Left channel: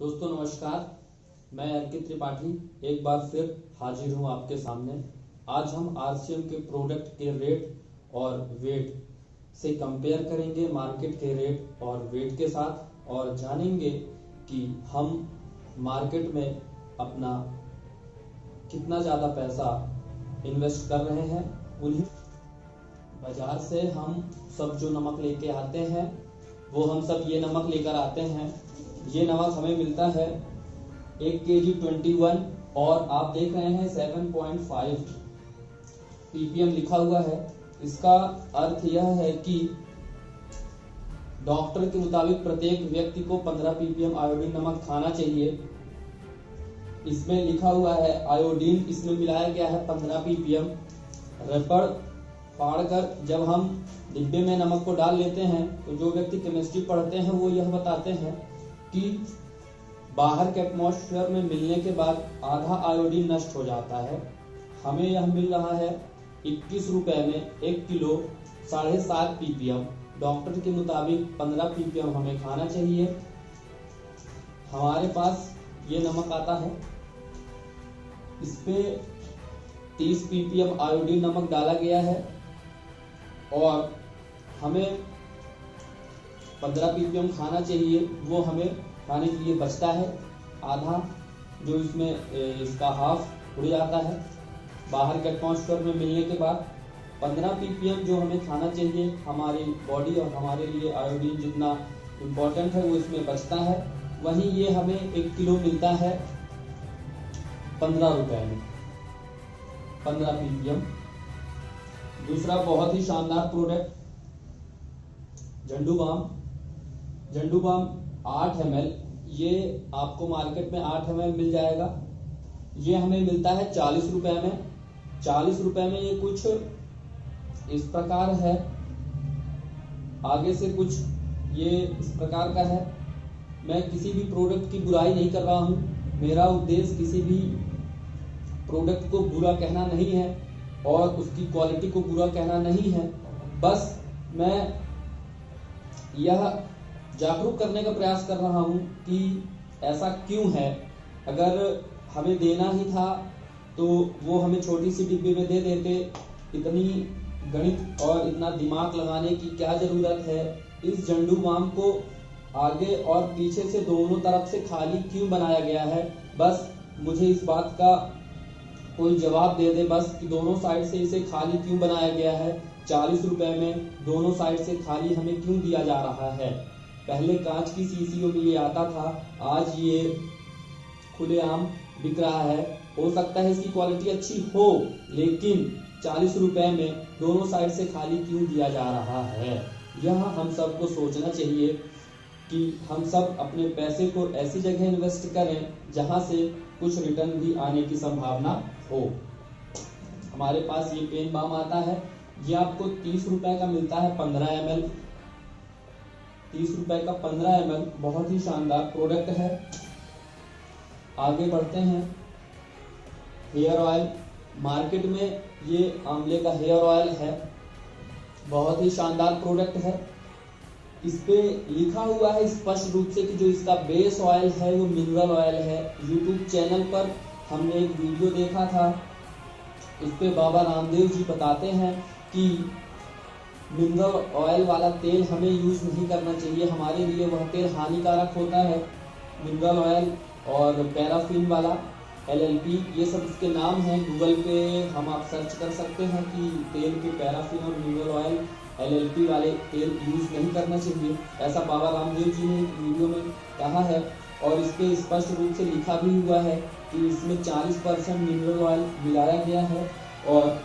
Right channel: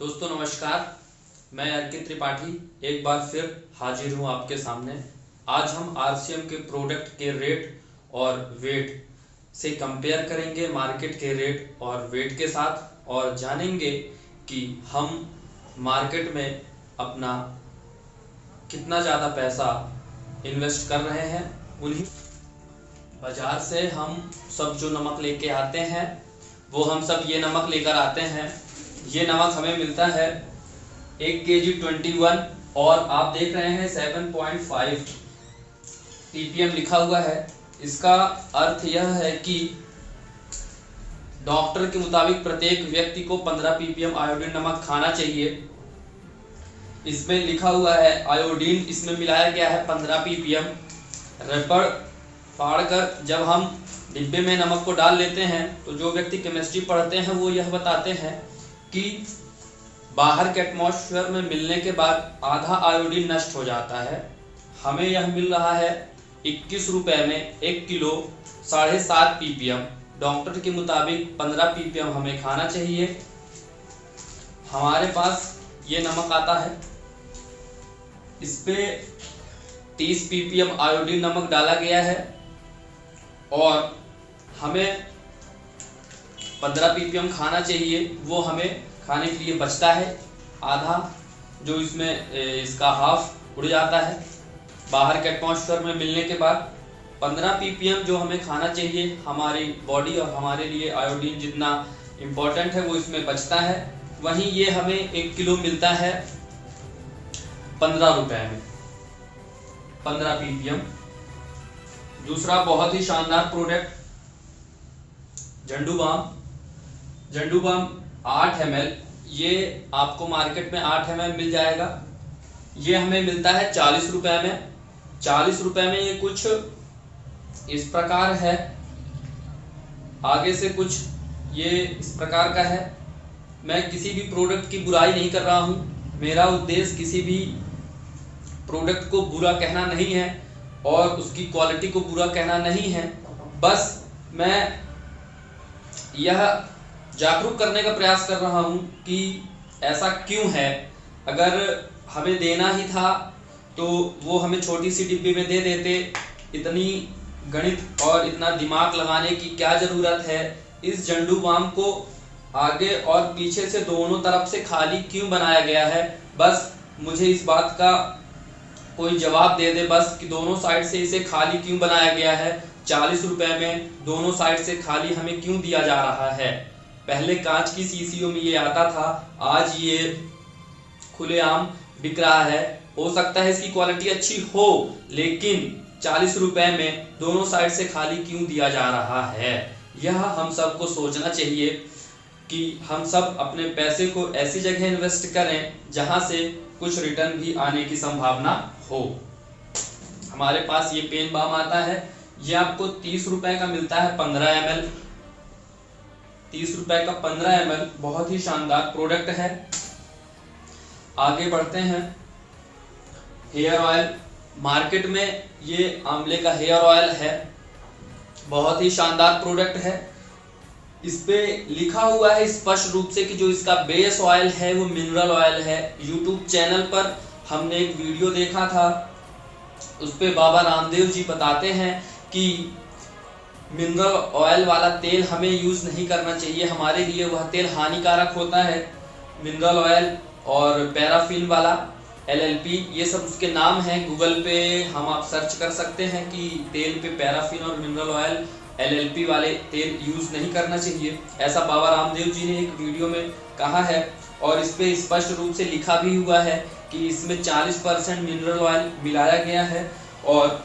दोस्तों नमस्कार, मैं अर्कित त्रिपाठी एक बार फिर हाजिर हूं आपके सामने। आज हम आरसीएम के प्रोडक्ट के रेट और वेट से कंपेयर करेंगे मार्केट के रेट और वेट के साथ, और जानेंगे कि हम मार्केट में अपना कितना ज़्यादा पैसा इन्वेस्ट कर रहे हैं। उन्हीं बाजार से हम सब जो नमक लेके आते हैं वो हम सब ये नमक लेकर आते हैं। ये नमक हमें मिलता है 1 kg 21, और आप देख रहे हैं 7.5 ppm लिखा हुआ है। इसका अर्थ यह है कि डॉक्टर के मुताबिक प्रत्येक व्यक्ति को 15 ppm आयोडीन नमक खाना चाहिए। इसमें लिखा हुआ है आयोडीन इसमें मिलाया गया है 15 ppm। रबड़ फाड़कर जब हम डिब्बे में नमक को डाल लेते हैं तो जो व्यक्ति केमिस्ट्री पढ़ते हैं वो यह बताते हैं कि बाहर के एटमॉस्फेयर में मिलने के बाद आधा आयोडीन नष्ट हो जाता है। हमें यह मिल रहा है 21 रुपए में 1 किलो 7.5 ppm। डॉक्टर के मुताबिक 15 ppm हमें खाना चाहिए। हमारे पास ये नमक आता है, इस पे 30 ppm आयोडीन नमक डाला गया है और हमें 15 ppm खाना चाहिए। वो हमें खाने के लिए बचता है आधा, जो इसमें इसका हाफ उड़ जाता है बाहर के एटमॉस्फेयर में मिलने के बाद। 15 ppm जो हमें खाना चाहिए, हमारी बॉडी और हमारे लिए आयोडीन जितना इम्पोर्टेंट है वो इसमें बचता है। वहीं ये हमें 1 किलो मिलता है 15 रुपए में 15 ppm। दूसरा बहुत ही शानदार प्रोडक्ट झंडू बाम 8 ml। ये आपको मार्केट में 8 ml मिल जाएगा। ये हमें मिलता है 40 रुपए में। 40 रुपए में ये कुछ इस प्रकार है, आगे से कुछ ये इस प्रकार का है। मैं किसी भी प्रोडक्ट की बुराई नहीं कर रहा हूँ। मेरा उद्देश्य किसी भी प्रोडक्ट को बुरा कहना नहीं है और उसकी क्वालिटी को बुरा कहना नहीं है। बस मैं यह जागरूक करने का प्रयास कर रहा हूं कि ऐसा क्यों है। अगर हमें देना ही था तो वो हमें छोटी सी डिब्बी में दे देते। इतनी गणित और इतना दिमाग लगाने की क्या जरूरत है। इस झंडू बाम को आगे और पीछे से दोनों तरफ से खाली क्यों बनाया गया है, बस मुझे इस बात का कोई जवाब दे दे बस कि दोनों साइड से इसे खाली क्यों बनाया गया है। 40 रुपए में दोनों साइड से खाली हमें क्यों दिया जा रहा है। पहले कांच की शीशियों में ये आता था, आज ये खुलेआम बिक रहा है। हो सकता है इसकी क्वालिटी अच्छी हो, लेकिन 40 रुपए में दोनों साइड से खाली क्यों दिया जा रहा है। यह हम सबको सोचना चाहिए कि हम सब अपने पैसे को ऐसी जगह इन्वेस्ट करें जहां से कुछ रिटर्न भी आने की संभावना हो। हमारे पास ये पेन बाम आता है, ये आपको 30 रुपए का मिलता है 15 ml। 30 रुपए का 15 ml बहुत ही शानदार प्रोडक्ट है। आगे बढ़ते हैं। हेयर ऑयल, मार्केट में ये आंवले का हेयर ऑयल है, बहुत ही शानदार प्रोडक्ट है। इस पे लिखा हुआ है स्पष्ट रूप से कि जो इसका बेस ऑयल है वो मिनरल ऑयल है। यूट्यूब चैनल पर हमने एक वीडियो देखा था, उस पे बाबा रामदेव जी बताते हैं कि मिनरल ऑयल वाला तेल हमें यूज नहीं करना चाहिए, हमारे लिए वह तेल हानिकारक होता है। मिनरल ऑयल और पैराफिन वाला LLP, ये सब उसके नाम हैं। गूगल पे हम आप सर्च कर सकते हैं कि तेल पे पैराफिन और मिनरल ऑयल LLP वाले तेल यूज नहीं करना चाहिए, ऐसा बाबा रामदेव जी ने एक वीडियो में कहा है। और इस पे स्पष्ट रूप से लिखा भी हुआ है कि इसमें 40% मिनरल ऑयल मिलाया गया है। और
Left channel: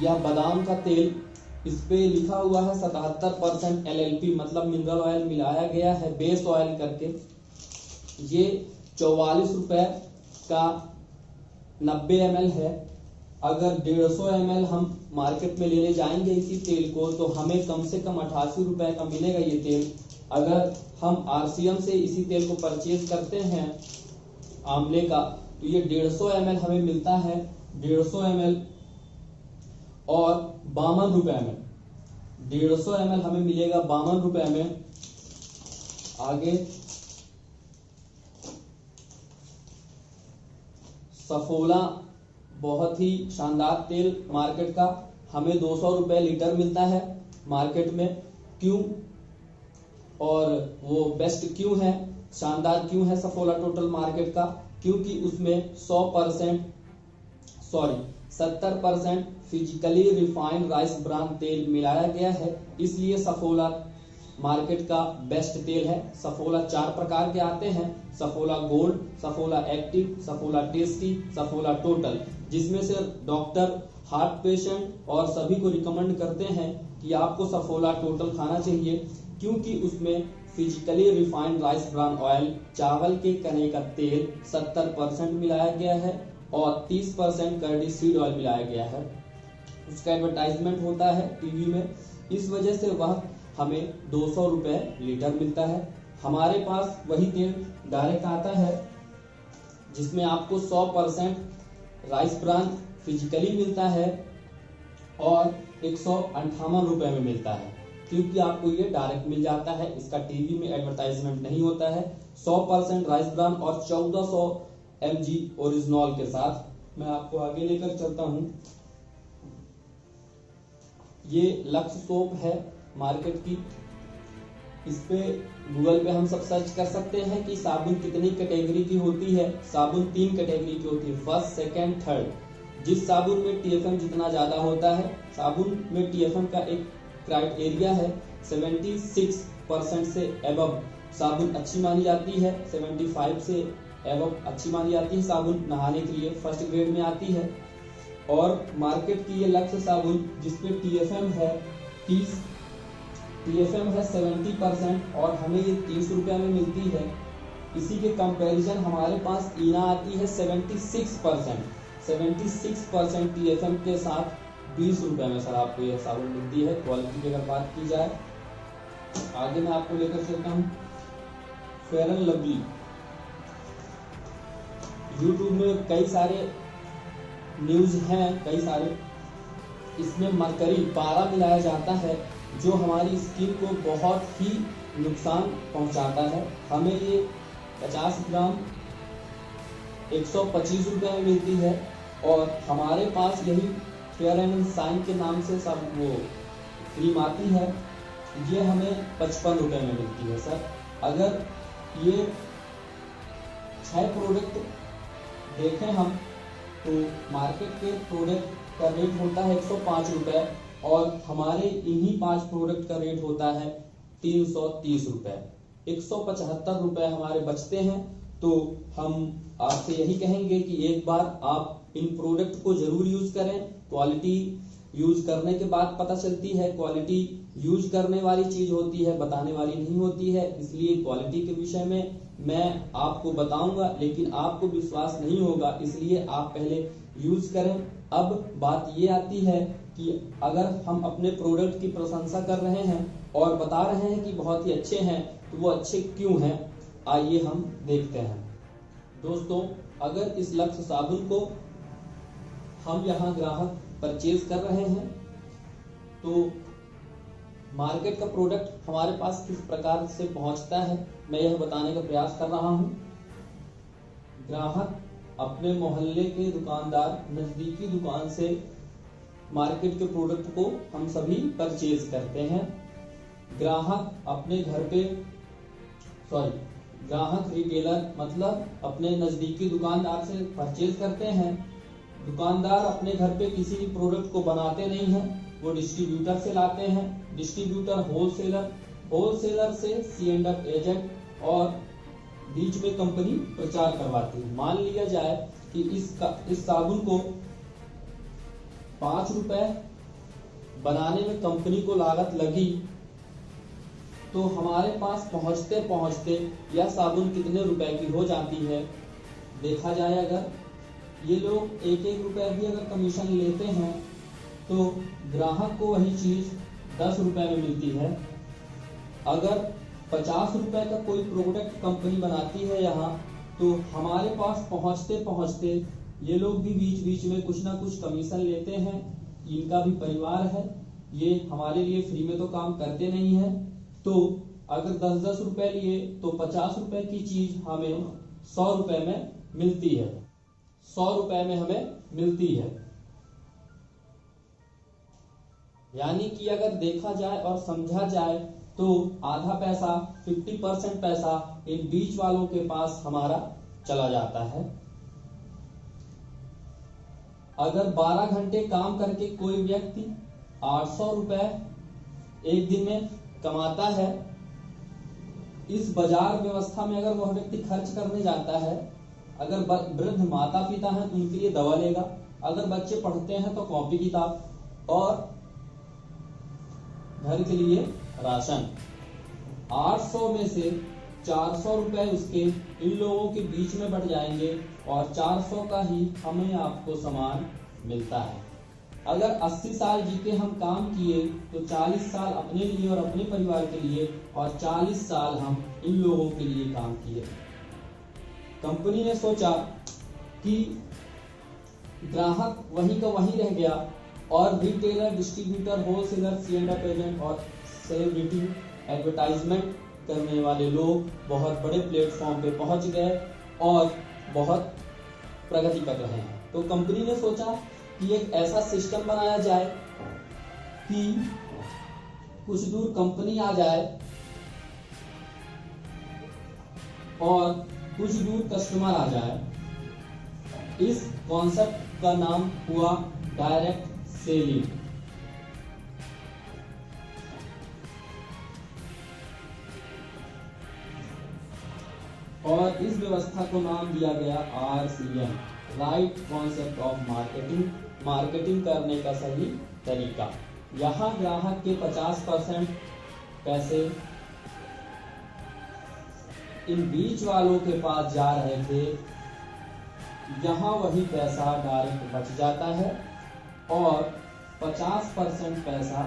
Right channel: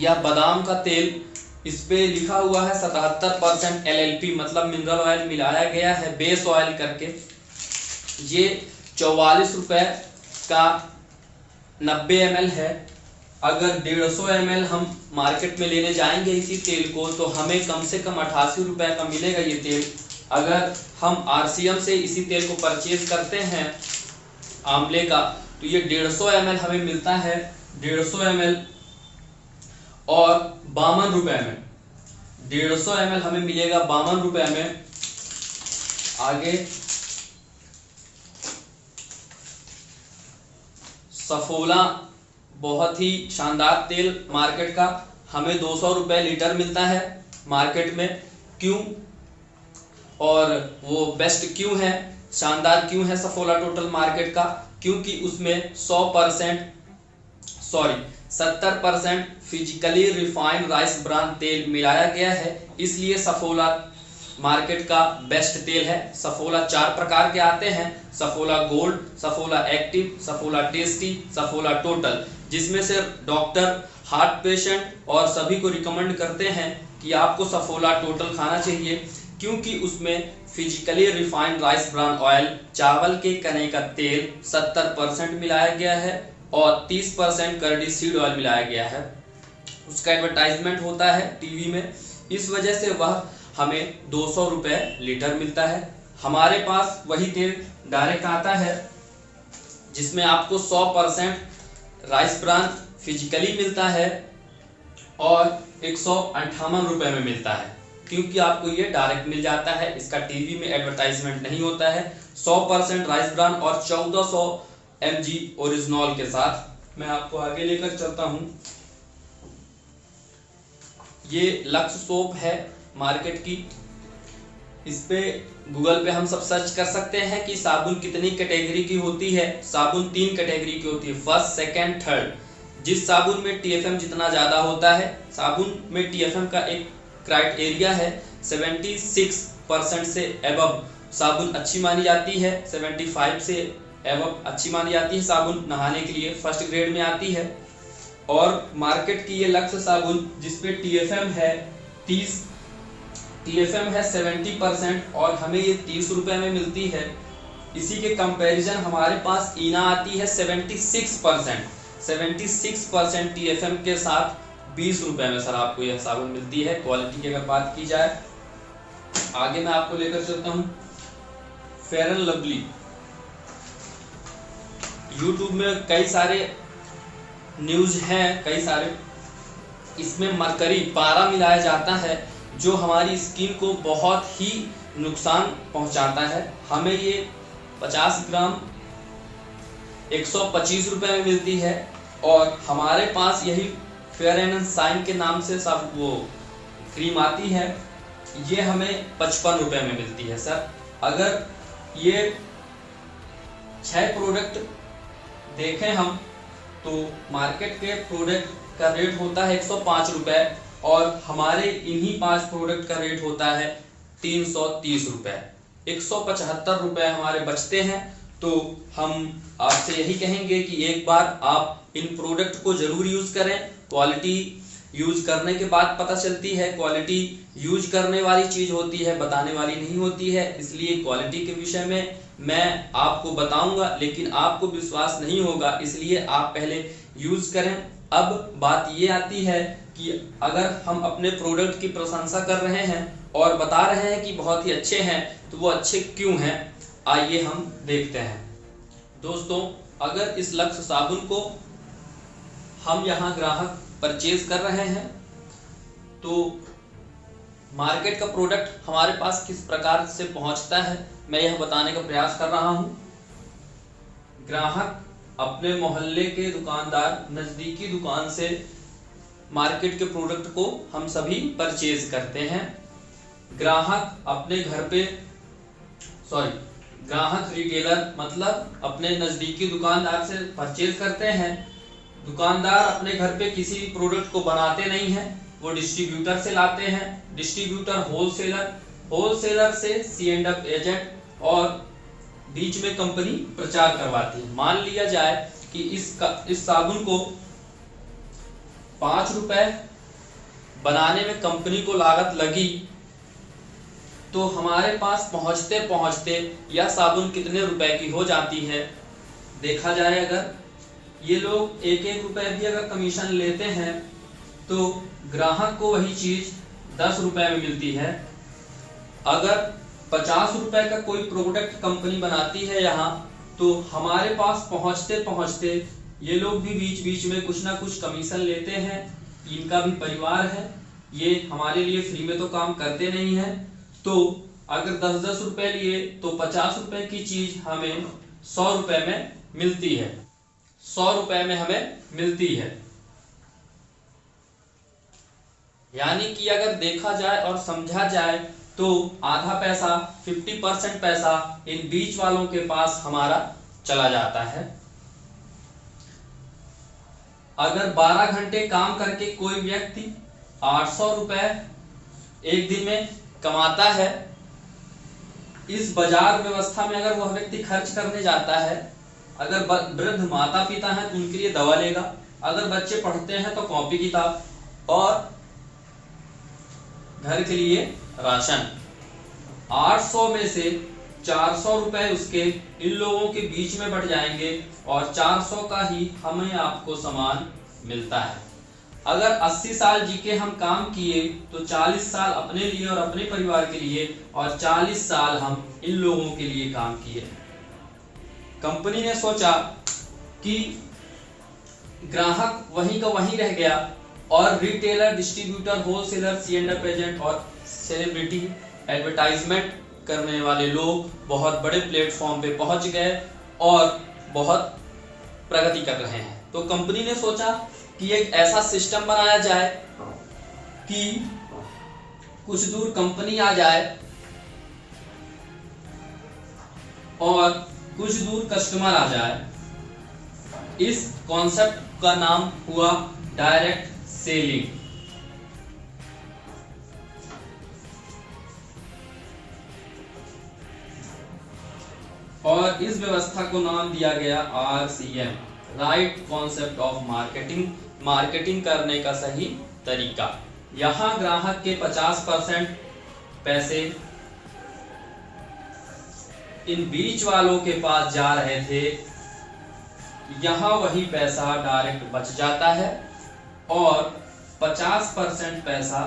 यह बादाम का तेल, इस पे लिखा हुआ है 77% LLP मतलब मिनरल ऑयल मिलाया गया है बेस ऑयल करके। ये 44 रुपए का 90 ml है। अगर 150 ml हम मार्केट में लेने जाएंगे इसी तेल को तो हमें कम से कम 88 रुपए का मिलेगा ये तेल। अगर हम RCM से इसी तेल को परचेज करते हैं आंवले का, तो ये 150 ml हमें मिलता है 150 ml और 52 रुपए में। 150 ml हमें मिलेगा 52 रुपए में। आगे सफोला बहुत ही शानदार तेल मार्केट का हमें 200 रुपये लीटर मिलता है मार्केट में। क्यों और वो बेस्ट क्यों है, शानदार क्यों है सफोला टोटल मार्केट का? क्योंकि उसमें 70% फिजिकली रिफाइंड राइस ब्रान तेल मिलाया गया है, इसलिए सफोला मार्केट का बेस्ट तेल है। सफोला 4 प्रकार के आते हैं, Saffola gold, Saffola active, Saffola tasty, Saffola total, जिसमें से डॉक्टर हार्ट पेशेंट और सभी को रिकमेंड करते हैं कि आपको सफोला टोटल खाना चाहिए, क्योंकि उसमें physically refined rice bran oil, चावल के कने का तेल 70% मिलाया गया है और 30% करडी सीड ऑयल मिलाया गया है। उसका एडवर्टाइजमेंट होता है टीवी में, इस वजह से वह हमें 200 रुपये लीटर मिलता है। हमारे पास वही तेल डायरेक्ट आता है जिसमें आपको 100% राइस ब्रान फिजिकली मिलता है और 158 रुपये में मिलता है, क्योंकि आपको ये डायरेक्ट मिल जाता है, इसका टीवी में एडवर्टाइजमेंट नहीं होता है। 100% राइस ब्रान और 1400 mg ओरिजिनॉल के साथ। मैं आपको आगे लेकर चलता हूँ। ये लक्स सोप है मार्केट की, इस पे गूगल पे हम सब सर्च कर सकते हैं कि साबुन कितनी कैटेगरी की होती है। साबुन 3 कैटेगरी की होती है, फर्स्ट, सेकंड, थर्ड। जिस साबुन में TFM जितना ज्यादा होता है, साबुन में TFM का एक क्राइटेरिया है, 76% से एबव साबुन अच्छी मानी जाती है, 75 से एबव अच्छी मानी जाती है साबुन नहाने के लिए, फर्स्ट ग्रेड में आती है। और मार्केट की ये लक्स साबुन जिसपे TFM है 30, TFM है 70% और हमें ये 30 रुपये में मिलती है। इसी के कंपैरिजन हमारे पास ईना आती है 76% TFM के साथ 20 रुपये में सर आपको यह साबुन मिलती है। क्वालिटी की अगर बात की जाए, आगे मैं आपको लेकर चलता हूँ फेयर एंड लवली। यूट्यूब में कई सारे न्यूज हैं, कई सारे, इसमें मरकरी पारा मिलाया जाता है जो हमारी स्किन को बहुत ही नुकसान पहुंचाता है। हमें ये 50 ग्राम 125 रुपये में मिलती है और हमारे पास यही फेयर एंड शाइन के नाम से सब वो क्रीम आती है, ये हमें 55 रुपये में मिलती है सर। अगर ये 6 प्रोडक्ट देखें हम तो मार्केट के प्रोडक्ट का रेट होता है 105 रुपये और हमारे इन्हीं 5 प्रोडक्ट का रेट होता है 330 रुपये। 175 रुपये हमारे बचते हैं। तो हम आपसे यही कहेंगे कि एक बार आप इन प्रोडक्ट को जरूर यूज करें। क्वालिटी यूज करने के बाद पता चलती है, क्वालिटी यूज करने वाली चीज होती है, बताने वाली नहीं होती है। इसलिए क्वालिटी के विषय में मैं आपको बताऊंगा, लेकिन आपको विश्वास नहीं होगा, इसलिए आप पहले यूज करें। अब बात ये आती है कि अगर हम अपने प्रोडक्ट की प्रशंसा कर रहे हैं और बता रहे हैं कि बहुत ही अच्छे हैं, तो वो अच्छे क्यों हैं, आइए हम देखते हैं। दोस्तों, अगर इस लक्स साबुन को हम यहाँ ग्राहक परचेज कर रहे हैं तो मार्केट का प्रोडक्ट हमारे पास किस प्रकार से पहुंचता है, मैं यह बताने का प्रयास कर रहा हूं। ग्राहक अपने मोहल्ले के दुकानदार, नजदीकी दुकान से मार्केट के प्रोडक्ट को हम सभी परचेज करते हैं। ग्राहक अपने घर पे ग्राहक रिटेलर मतलब अपने नजदीकी दुकानदार से परचेज करते हैं। दुकानदार अपने घर पे किसी भी प्रोडक्ट को बनाते नहीं हैं, वो डिस्ट्रीब्यूटर से लाते हैं। डिस्ट्रीब्यूटर होलसेलर से C&F एजेंट और बीच में कंपनी प्रचार करवाती है। मान लिया जाए कि इस साबुन को 5 रुपए बनाने में कंपनी को लागत लगी, तो हमारे पास पहुंचते पहुंचते यह साबुन कितने रुपए की हो जाती है। देखा जाए, अगर ये लोग 1-1 रुपए भी अगर कमीशन लेते हैं तो ग्राहक को वही चीज 10 रुपए में मिलती है। अगर 50 रुपए का कोई प्रोडक्ट कंपनी बनाती है यहाँ, तो हमारे पास पहुंचते पहुंचते ये लोग भी बीच बीच में कुछ ना कुछ कमीशन लेते हैं। इनका भी परिवार है, ये हमारे लिए फ्री में तो काम करते नहीं है। तो अगर 10-10 रुपए लिए तो 50 रुपए की चीज हमें 100 रुपए में मिलती है। 100 रुपए में हमें मिलती है। यानी कि अगर देखा जाए और समझा जाए तो आधा पैसा 50% पैसा इन बीच वालों के पास हमारा चला जाता है। अगर 12 घंटे काम करके कोई व्यक्ति 800 रुपए एक दिन में कमाता है, इस बाजार व्यवस्था में अगर वह व्यक्ति खर्च करने जाता है, अगर वृद्ध माता पिता हैं तो उनके लिए दवा लेगा, अगर बच्चे पढ़ते हैं तो कॉपी किताब और घर के लिए राशन, 800 में से 400 रुपए उसके इन लोगों के बीच में बढ़ जाएंगे और 400 का ही हमें आपको सामान मिलता है। अगर 80 साल जी के हम काम किए तो 40 साल अपने लिए और अपने परिवार के लिए और 40 साल हम इन लोगों के लिए काम किए। कंपनी ने सोचा कि ग्राहक वहीं का वहीं रह गया और रिटेलर, डिस्ट्रीब्यूटर, होलसेलर, सी&एफ एजेंट और सेलिब्रिटी एडवर्टाइजमेंट करने वाले लोग बहुत बड़े प्लेटफॉर्म पे पहुंच गए और बहुत प्रगति कर रहे हैं। तो कंपनी ने सोचा कि एक ऐसा सिस्टम बनाया जाए कि कुछ दूर कंपनी आ जाए और कुछ दूर कस्टमर आ जाए। इस कॉन्सेप्ट का नाम हुआ डायरेक्ट सेलिंग। और इस व्यवस्था को नाम दिया गया RCM, right concept of marketing, marketing करने का सही तरीका। यहां ग्राहक के 50% पैसे इन बीच वालों के पास जा रहे थे, यहां वही पैसा डायरेक्ट बच जाता है और 50% पैसा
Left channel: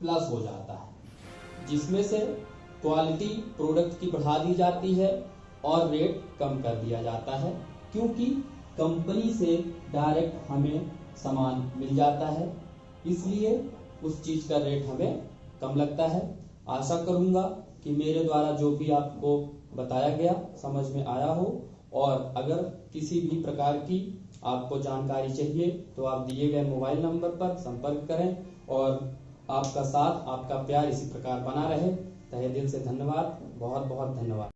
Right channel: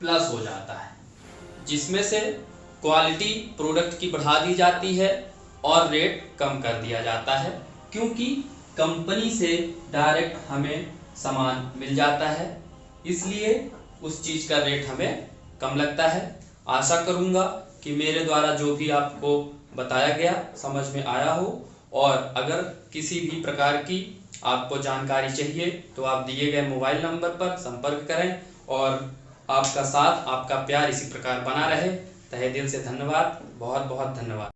प्लस हो जाता है, जिसमें से क्वालिटी प्रोडक्ट की बढ़ा दी जाती है और रेट कम कर दिया जाता है, क्योंकि कंपनी से डायरेक्ट हमें सामान मिल जाता है, इसलिए उस चीज का रेट हमें कम लगता है। आशा करूंगा कि मेरे द्वारा जो भी आपको बताया गया समझ में आया हो, और अगर किसी भी प्रकार की आपको जानकारी चाहिए तो आप दिए गए मोबाइल नंबर पर संपर्क करें और आपका साथ, आपका प्यार इसी प्रकार बना रहे। तहे दिल से धन्यवाद, बहुत बहुत धन्यवाद।